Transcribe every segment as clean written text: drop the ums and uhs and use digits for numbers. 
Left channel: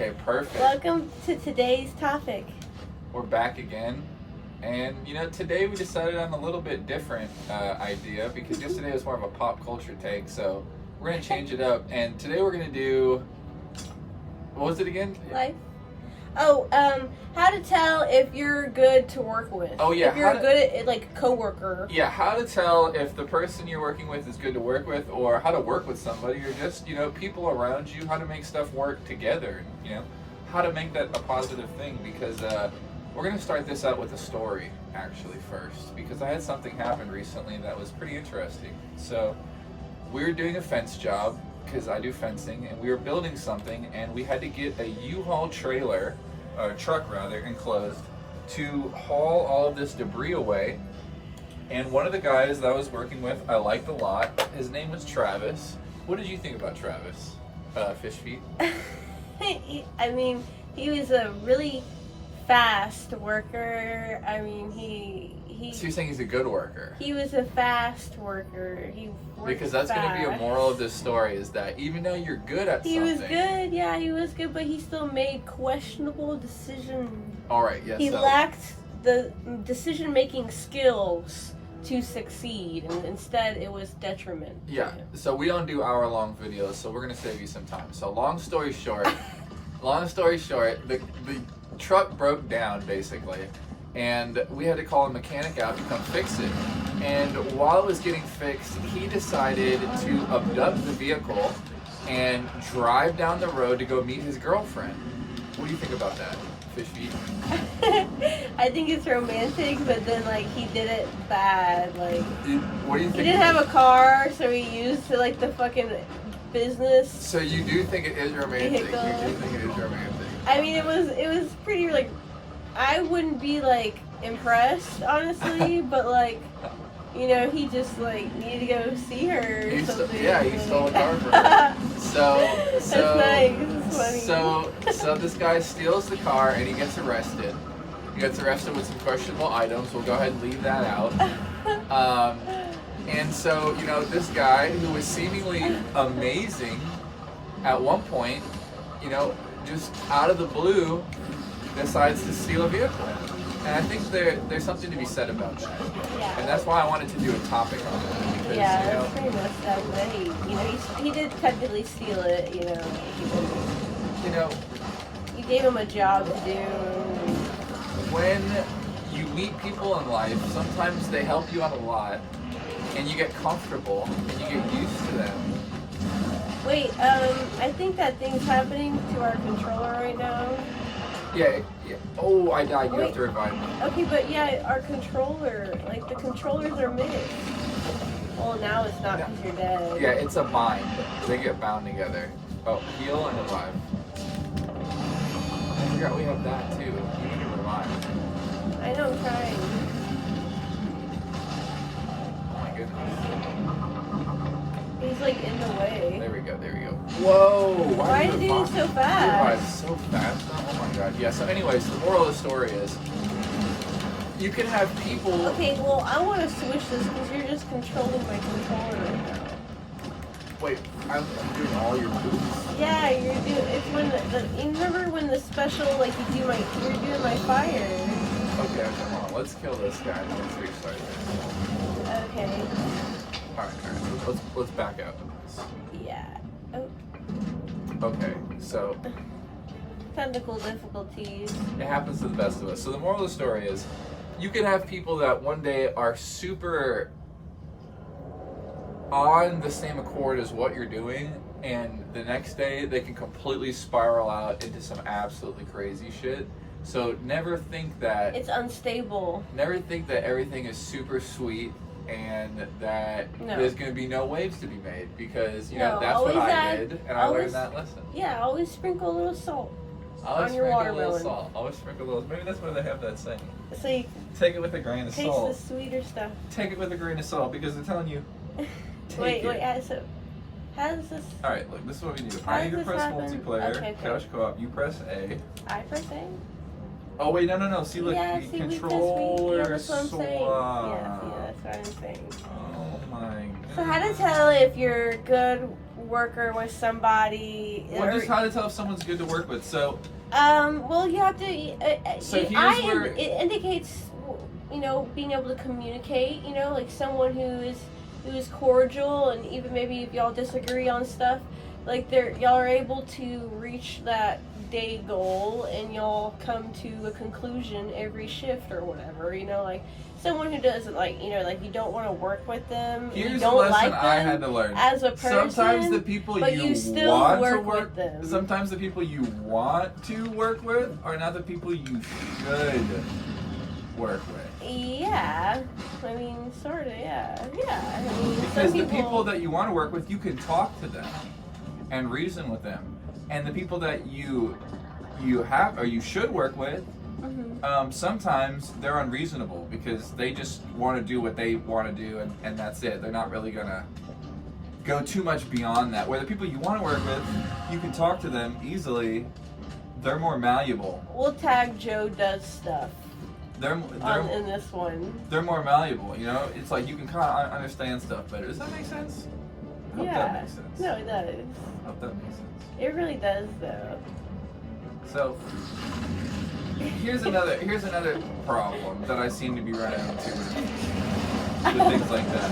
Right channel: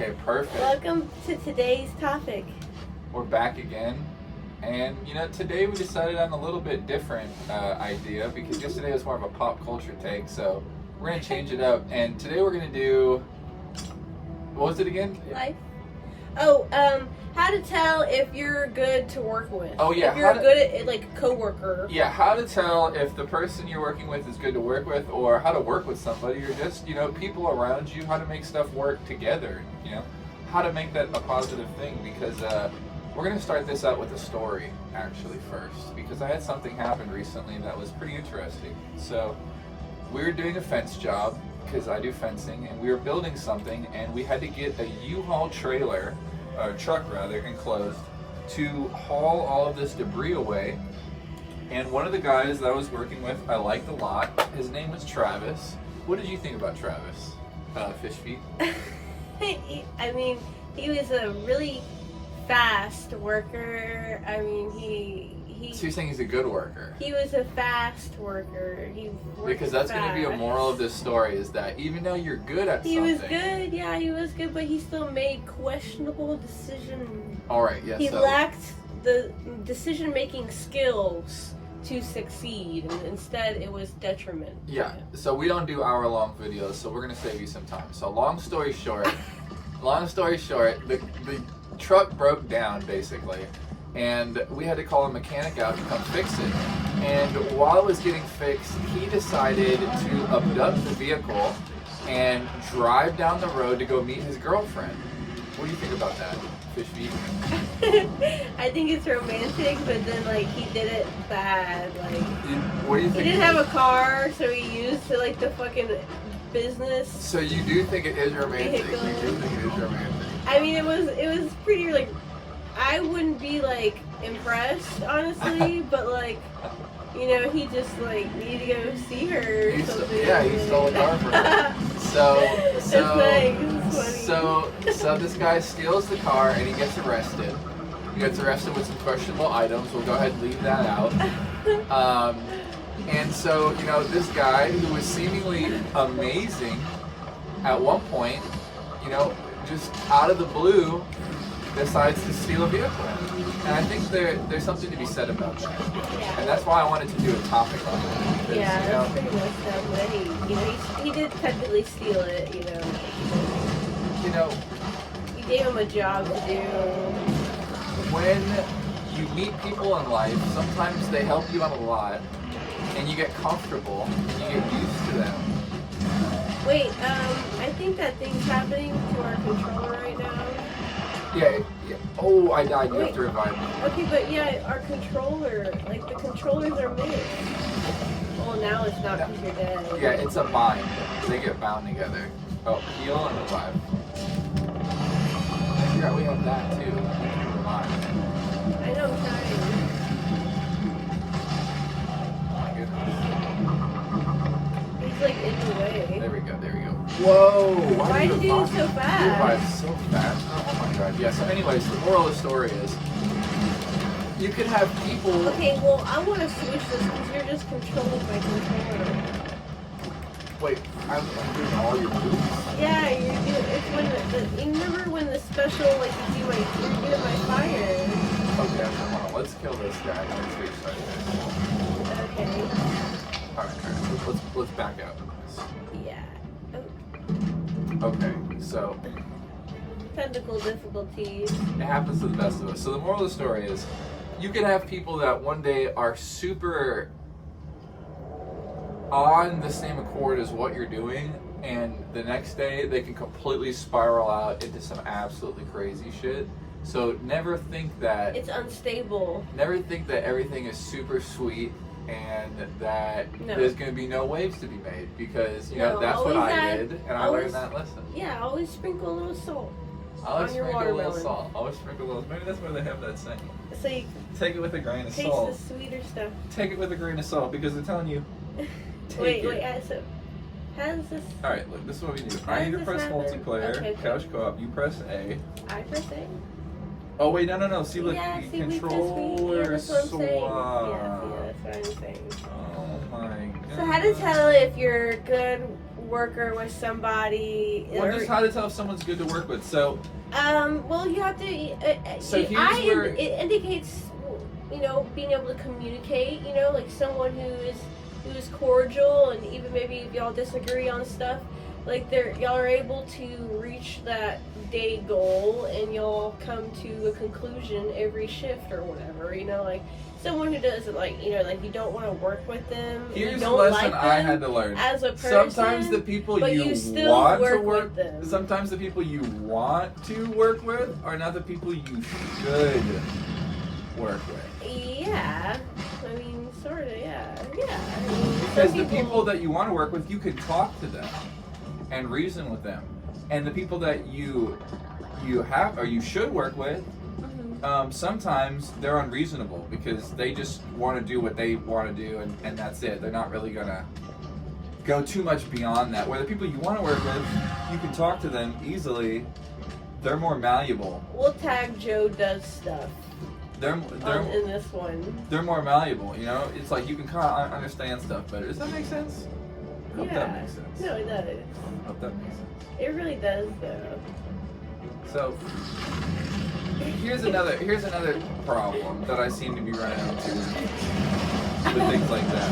Okay, perfect. Welcome to today's topic. We're back again. And, today we decided on a little bit different idea because yesterday was more of a pop culture take. So we're going to change it up. And today we're going to do, what was it again? Life. Oh, how to tell if you're good to work with. Oh, yeah. If you're good at, like, coworker. Yeah, how to tell if the person you're working with is good to work with, or how to work with somebody, or just, people around you, how to make stuff work together, how to make that a positive thing, because we're going to start this out with a story, actually, first, because I had something happen recently that was pretty interesting. So, we were doing a fence job, because I do fencing, and we were building something, and we had to get a U-Haul trailer, truck rather, enclosed, to haul all of this debris away. And one of the guys that I was working with, I liked a lot. His name was Travis. What did you think about Travis? Fish feet? I mean, he was a really fast worker. I mean, So you're saying he's a good worker? He was a fast worker. Because that's going to be a moral of this story, is that even though you're good at something... He was good, yeah, he was good, but he still made questionable decisions. All right, yes. He lacked the decision-making skills to succeed, and instead it was detriment. Yeah, so we don't do hour-long videos, so we're going to save you some time. So long story short, the truck broke down, basically. And we had to call a mechanic out to come fix it. And while it was getting fixed, he decided to abduct the vehicle and drive down the road to go meet his girlfriend. What do you think about that, Fish Feet? I think it's romantic, but then he did it bad. What do you think? He didn't have a car, so he used the fucking business. So you do think it is romantic? You do think it is romantic? I mean, it was pretty I wouldn't be impressed, honestly, but he just needed to go see her or something. He stole a car from her. So this guy steals the car and he gets arrested. He gets arrested with some questionable items. We'll go ahead and leave that out. And so, this guy who was seemingly amazing at one point, just out of the blue, decides to steal a vehicle. And I think there's something to be said about that. Yeah. And that's why I wanted to do a topic on that. Because, that's pretty messed up, but he did technically steal it, We gave him a job to do. When you meet people in life, sometimes they help you out a lot, and you get comfortable, and you get used to them. Wait, I think that thing's happening to our controller right now. Yeah. Oh, I died. You have to revive me. Okay, but yeah, our controller, the controllers are mixed. Oh, now it's not because you're dead. Yeah, it's a bind. They get bound together. Oh, heal and revive. I forgot we have that too. You need to revive. I know, I'm trying. Oh my goodness. He's in the way. There we go. Whoa! Why is he so fast? You revive so fast. Oh my god. Yeah, so anyways, the moral of the story is you can have people... Okay, well, I want to switch this because you're just controlling my controller right now. Wait, I'm doing all your moves? Yeah, you're doing... It's when you remember when the special, you're doing my fire. Okay, hold on. Let's kill this guy and then restart this. Okay. Alright. Let's back out of this. Yeah. Oh. Okay, so... Technical difficulties. It happens to the best of us. So the moral of the story is, you can have people that one day are super on the same accord as what you're doing, and the next day they can completely spiral out into some absolutely crazy shit. So never think that... It's unstable. Never think that everything is super sweet and that there's going to be no waves to be made, because that's what I did, and I learned that lesson. Yeah, always sprinkle a little salt on your watermelon. Always sprinkle a little. Maybe that's why they have that saying. So you take it with a grain of taste salt. the sweeter stuff. Take it with a grain of salt, because they're telling you. Wait, so how does this? All right, look. This is what we do. I need to press multiplayer. Okay. Couch co-op. You press A. I press A. Oh wait, no. See, look, yeah, the controller swap. Yeah, that's what I'm saying. Oh my god. So how to tell if you're good worker with somebody. Well, just how to tell if someone's good to work with. So, well, you have to. So here's where it indicates, you know, being able to communicate. You know, like someone who is cordial, and even maybe if y'all disagree on stuff, like y'all are able to reach that day goal, and y'all come to a conclusion every shift or whatever. You know, like. Someone who doesn't like, you know, like you don't want to work with them. Here's don't a lesson like them I had to learn. as a person. Sometimes the people but you still want work to work with them. Sometimes the people you want to work with are not the people you should work with. Yeah, I mean, sort of. Yeah. I mean, Because the people that you want to work with, you can talk to them and reason with them, and the people that you have or you should work with. Sometimes they're unreasonable because they just want to do what they want to do, and that's it. They're not really gonna go too much beyond that. Where the people you want to work with, you can talk to them easily. They're more malleable. We'll tag Joe does stuff. They're in this one. They're more malleable. You know, it's like you can kind of understand stuff better. Does that make sense? I hope that makes sense. No, it does. I hope that makes sense. It really does, though. So. Here's another problem that I seem to be running into with things like that.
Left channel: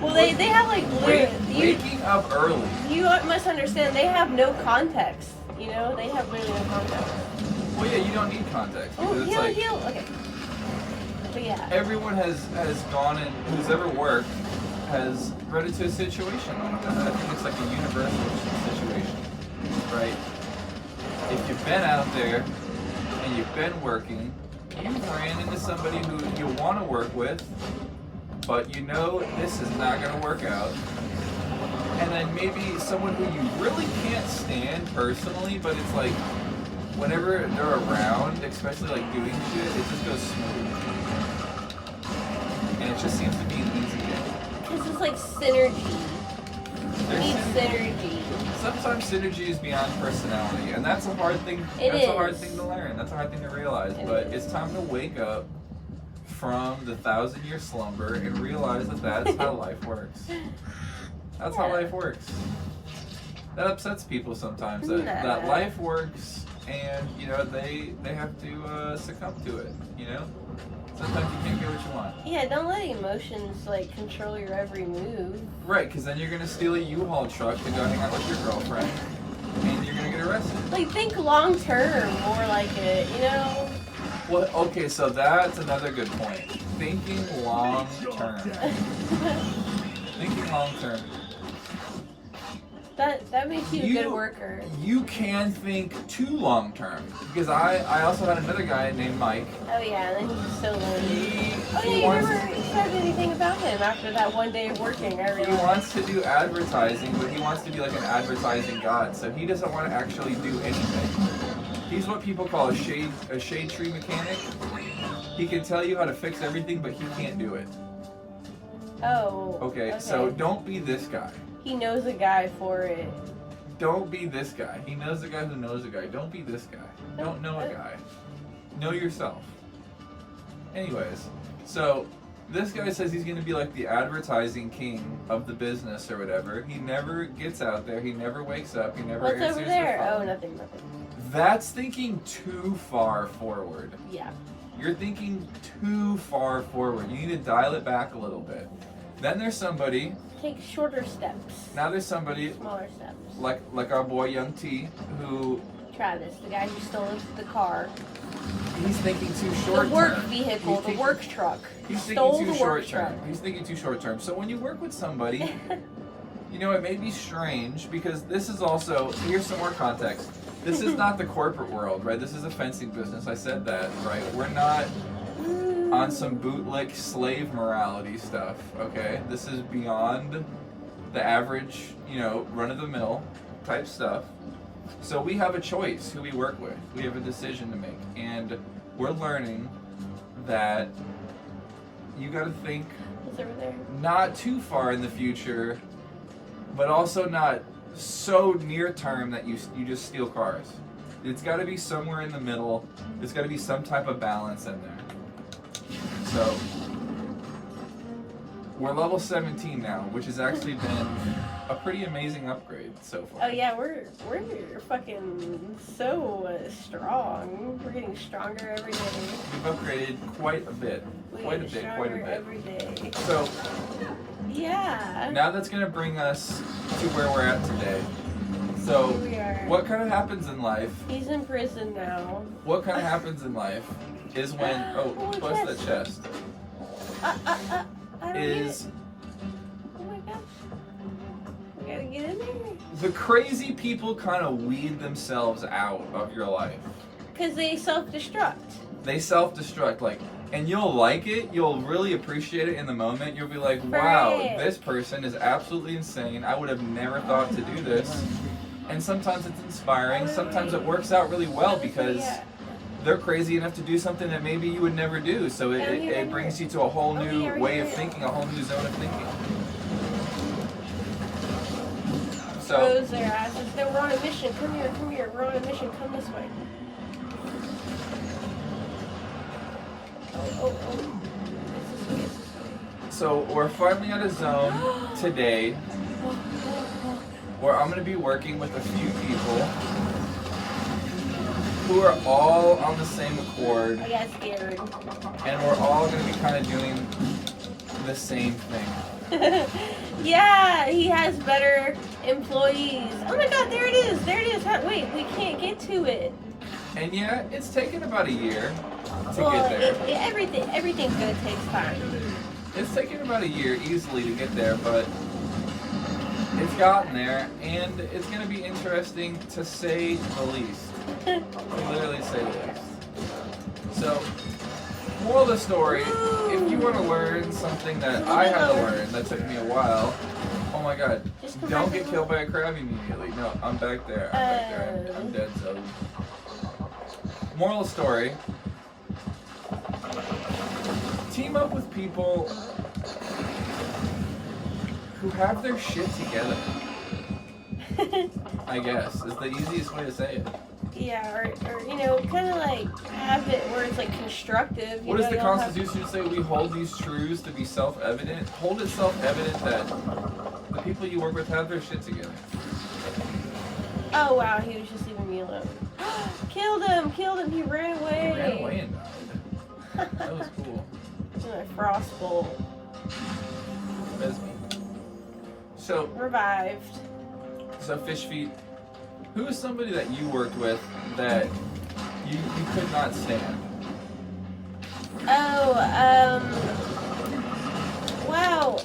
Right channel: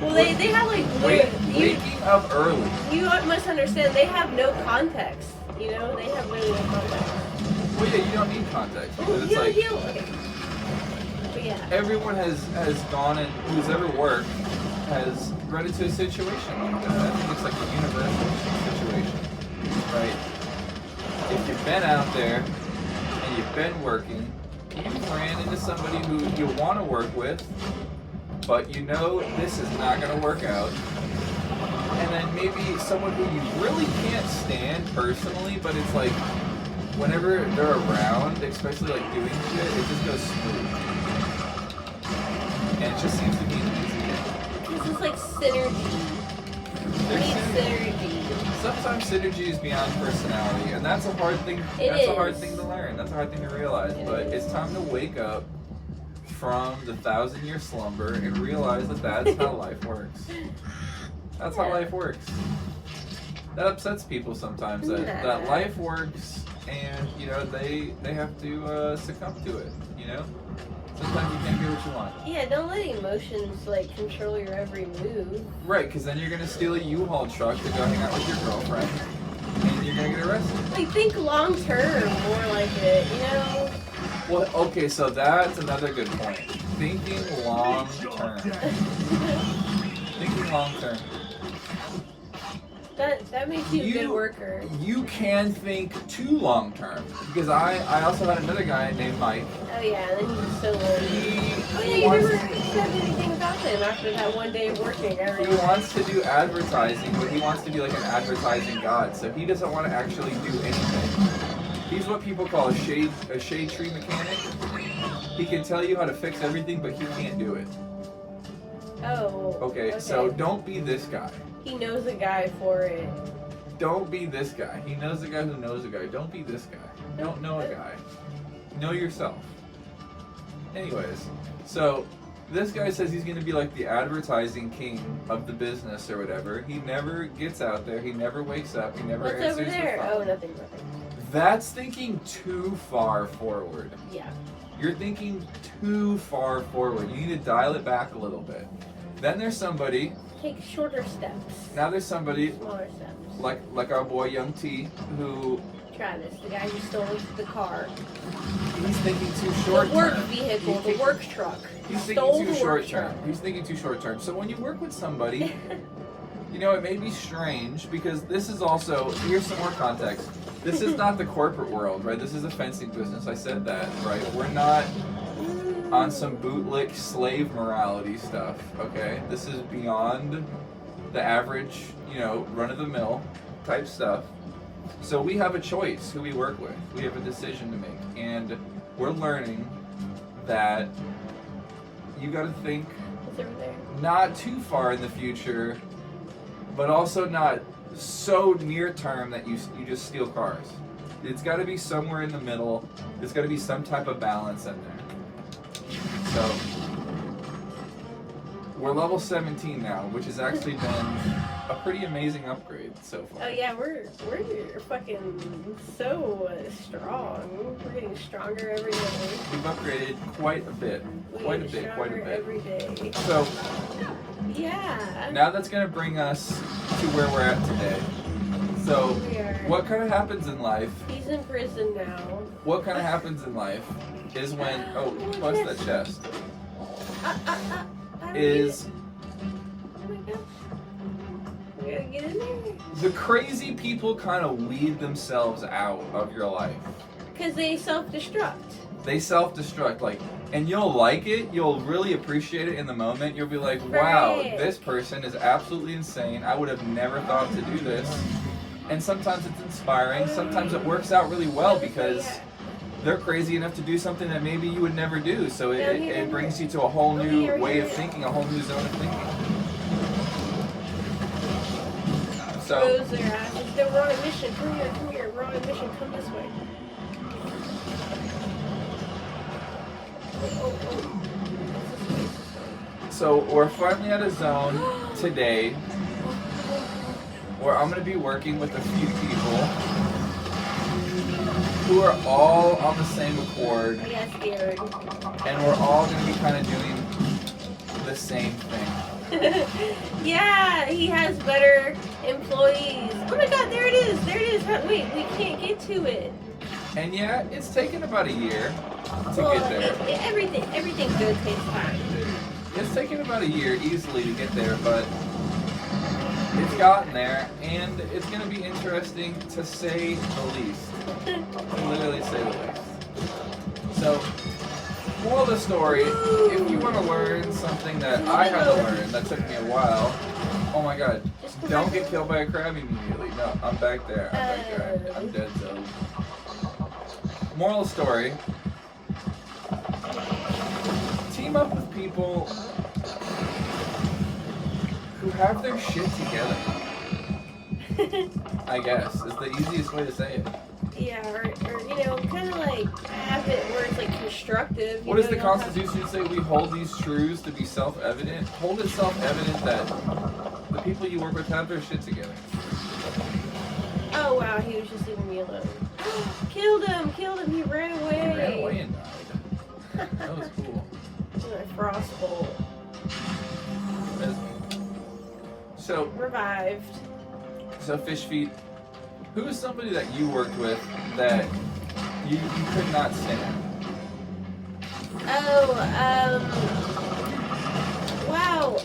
Well, they have like waking up early. You must understand they have no context. You know, they have really no context. Well, yeah, you don't need context because it's like okay. But yeah, everyone has gone and who's ever worked has run into a situation like that. I think it's like a universal situation, right? If you've been out there and you've been working, you've ran into somebody who you want to work with, but you know this is not going to work out. And then maybe someone who you really can't stand personally, but it's like whenever they're around, especially like doing shit, it just goes smooth. And it just seems to be an easy day. This is like synergy. We need synergy. Sometimes synergy is beyond personality, and that's a hard thing. A hard thing to learn. That's a hard thing to realize. But it's time to wake up from the 1,000-year slumber and realize that that's how life works. That's how life works. That upsets people sometimes. That life works, and you know they have to succumb to it. You know. Sometimes you can't get what you want. Yeah, don't let emotions like control your every move. Right, because then you're gonna steal a U-Haul truck to go hang out with your girlfriend, and you're gonna get arrested. Like think long term, more like it, you know. Well, okay, so that's another good point. Thinking long term. Thinking long term. That makes you a good worker. You can think too long term. Because I also had another guy named Mike. Oh yeah, then he's so lame. He you never said anything about him after that one day of working. He wants to do advertising, but he wants to be like an advertising god. So he doesn't want to actually do anything. He's what people call a shade tree mechanic. He can tell you how to fix everything, but he can't do it. Oh. Okay, so don't be this guy. He knows a guy for it. Don't be this guy. He knows a guy who knows a guy. Don't be this guy. Don't know a guy. Know yourself. Anyways, so this guy says he's going to be like the advertising king of the business or whatever. He never gets out there. He never wakes up. He never answers over there? the phone. Oh, nothing. That's thinking too far forward. Yeah. You're thinking too far forward. You need to dial it back a little bit. Then there's somebody. Take shorter steps. Now there's somebody. Smaller steps. Like our boy Young T, who. Travis, the guy who stole the car. He's thinking too short term. The work vehicle, the work truck. He's thinking too short term. He's thinking too short term. So when you work with somebody, you know, it may be strange because this is also, here's some more context. This is not the corporate world, right? This is a fencing business. I said that, right? We're not on some bootlick slave morality stuff, okay? This is beyond the average, you know, run-of-the-mill type stuff. So we have a choice who we work with. We have a decision to make. And we're learning that you got to think not too far in the future, but also not so near term that you just steal cars. It's got to be somewhere in the middle. There's got to be some type of balance in there. So we're level 17 now, which has actually been a pretty amazing upgrade so far. Oh yeah, we're fucking so strong. We're getting stronger every day. We've upgraded quite a bit. Quite a bit. Every day. So, yeah. now that's going to bring us to where we're at today. So, what kind of happens in life? He's in prison now. What kind of happens in life is when, bust that chest. Is, oh my gosh. We gotta get in there. the crazy people kind of weed themselves out of your life. Because they self-destruct. They self-destruct, like, and you'll like it, you'll really appreciate it in the moment. You'll be like, wow, this person is absolutely insane. I would have never thought to do this. And sometimes it's inspiring. Sometimes it works out really well because they're crazy enough to do something that maybe you would never do. So it brings you to a whole new way of thinking, a whole new zone of thinking. So, Close their asses. No, we're on a mission. Come here. We're on a mission. Come this way. Oh. This way. so we're finally at a zone today where I'm going to be working with a few people who are all on the same accord. I got scared. And we're all going to be kind of doing the same thing. Yeah, he has better employees. Oh my god, there it is. Wait, we can't get to it. And yeah, it's taken about a year to get there. Everything good takes time. It's taken about a year easily to get there, but it's gotten there, and it's going to be interesting to say the least. To literally say the least. So, moral of the story, if you want to learn something that I had to learn, that took me a while, oh my god, don't get killed by a crab immediately. No, I'm back there. I'm dead zone. Moral of the story, team up with people who have their shit together. I guess is the easiest way to say it. Yeah, or you know, kind of like have it where it's like constructive. What does the Constitution say? We hold these truths to be self-evident. Hold it self-evident that the people you work with have their shit together. Oh wow, he was just leaving me alone. Killed him! He ran away. He ran away and died. That was cool. In a frost bolt. That's me. So Revived. So Fish Feet, who is somebody that you worked with that you could not stand? Wow.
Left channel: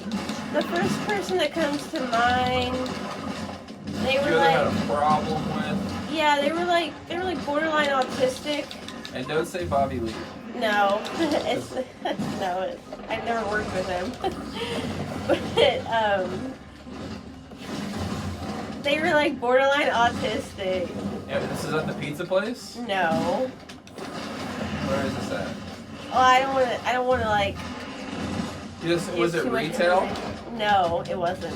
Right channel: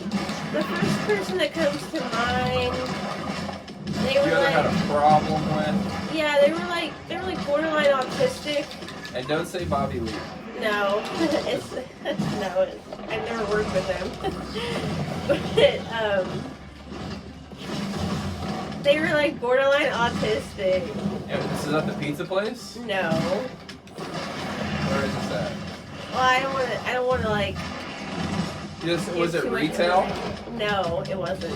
The first person that comes to mind, they were You ever had a problem with? Yeah, they were like borderline autistic. And don't say Bobby Lee. No, I've never worked with him. But they were like borderline autistic. Yeah, this is at the pizza place? No. Where is this at? Well, I don't want to like. Was it retail? No, it wasn't.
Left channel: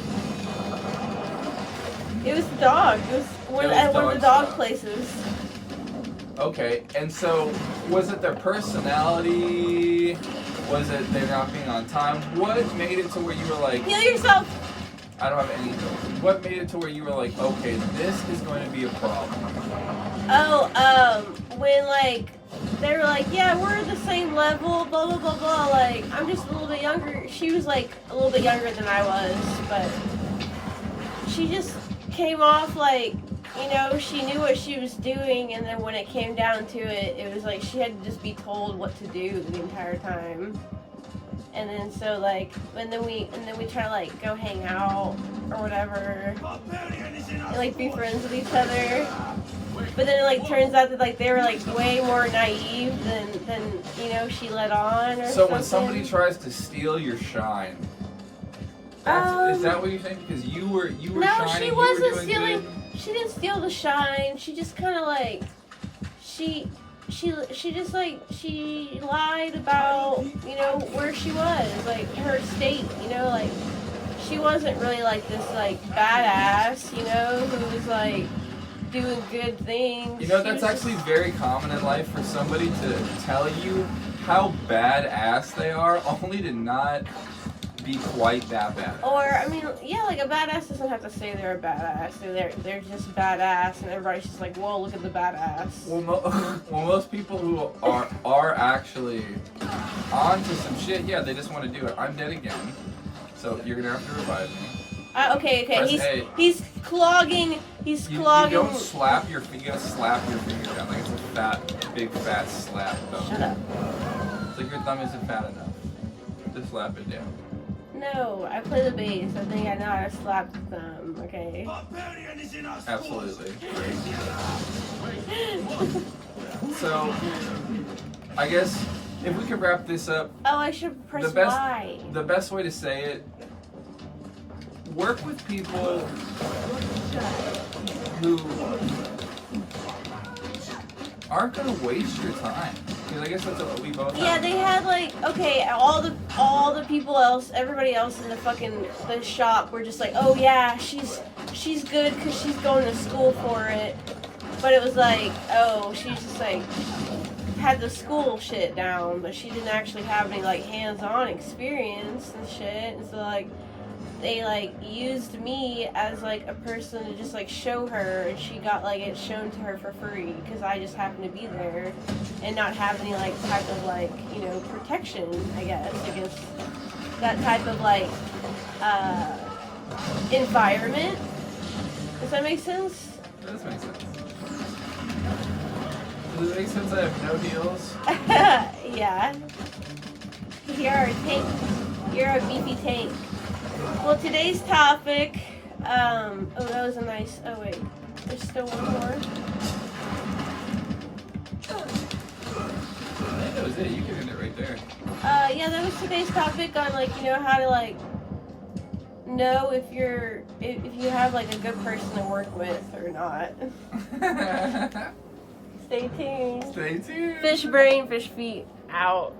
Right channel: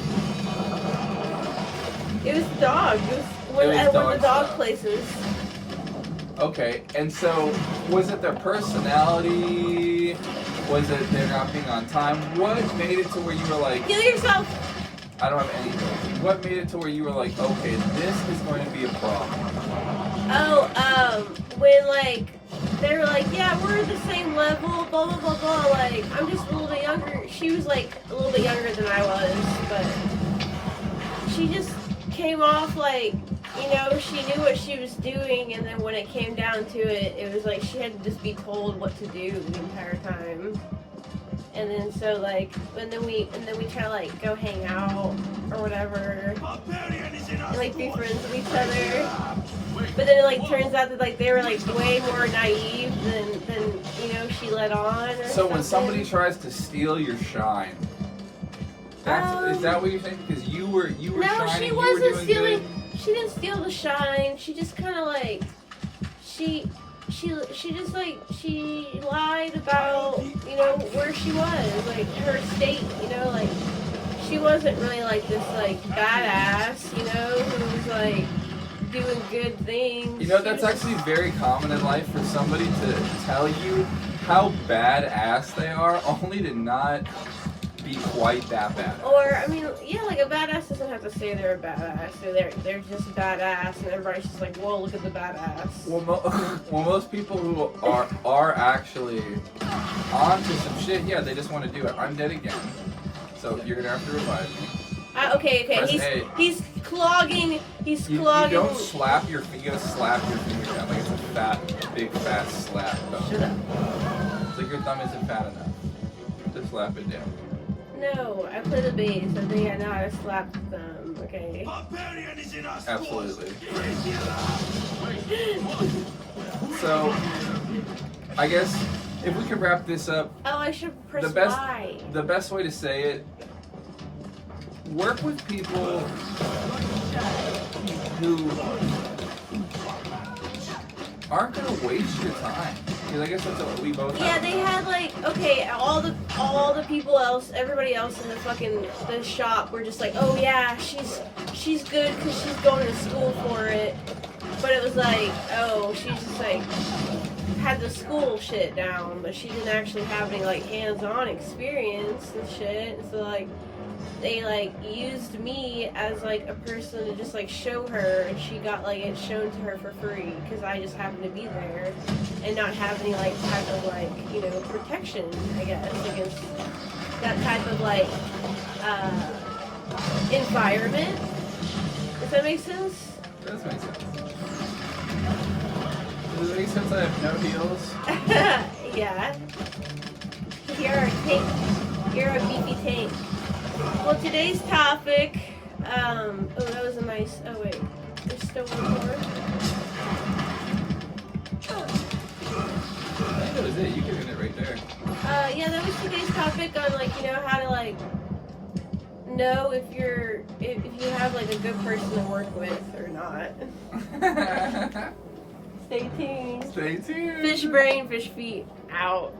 It was the dog. It was one of the dog places. Okay, and so was it their personality? Was it they're not being on time? What made it to where you were like, Heal yourself! I don't have any notes. What made it to where you were like, okay, this is going to be a problem? When like they were like, yeah, we're the same level, blah blah blah blah. Like I'm just a little bit younger. She was like a little bit younger than I was, but she just came off like, you know, she knew what she was doing, and then when it came down to it, it was like she had to just be told what to do the entire time. And then so like, and then we try to like go hang out or whatever, and like be friends with each other. But then it like turns out that like they were like way more naive than you know she let on. Or so when somebody tries to steal your shine, is that what you're saying? Because you were shining, you were doing good. She didn't steal the shine. She just kind of like she just like she lied about, you know, where she was, like her state, you know, like she wasn't really like this like badass, you know, who was like doing good things. You know, that's actually very common in life for somebody to tell you how badass they are, only to not be quite that bad. Or, I mean, yeah, like a badass doesn't have to say they're a badass. They're just badass, and everybody's just like, whoa, look at the badass. Well, most people who are actually onto some shit, yeah, they just want to do it. I'm dead again, so you're gonna have to revive me. Okay. He's clogging. You don't slap your finger. You gotta slap your finger down like it's a big fat slap thumb. Shut up. It's like your thumb isn't fat enough. Just slap it down. No, I play the bass. I think I know how to slap the thumb. Okay. Absolutely. So, I guess if we could wrap this up. Oh, I should press Y. The best way to say it. Work with people who aren't gonna waste your time, because I guess that's what we both have. Yeah, they had like, okay, all the people else, everybody else in the shop were just like, oh yeah, she's good because she's going to school for it. But it was like, oh, she's just like had the school shit down, but she didn't actually have any like hands-on experience and shit. And so like they like used me as like a person to just like show her, and she got like it shown to her for free because I just happened to be there and not have any like type of like, you know, protection, I guess, against that type of like environment. Does that make sense? It does make sense. Does it make sense I have no heels? Yeah. You're a tank. You're a beefy tank. Well, today's topic, oh, that was a nice, oh wait, there's still one more. I think that was it. You can end it right there. Yeah, that was today's topic on, like, you know, how to, like, know if you have, like, a good person to work with or not. Stay tuned. Stay tuned. Fish brain, fish feet, out.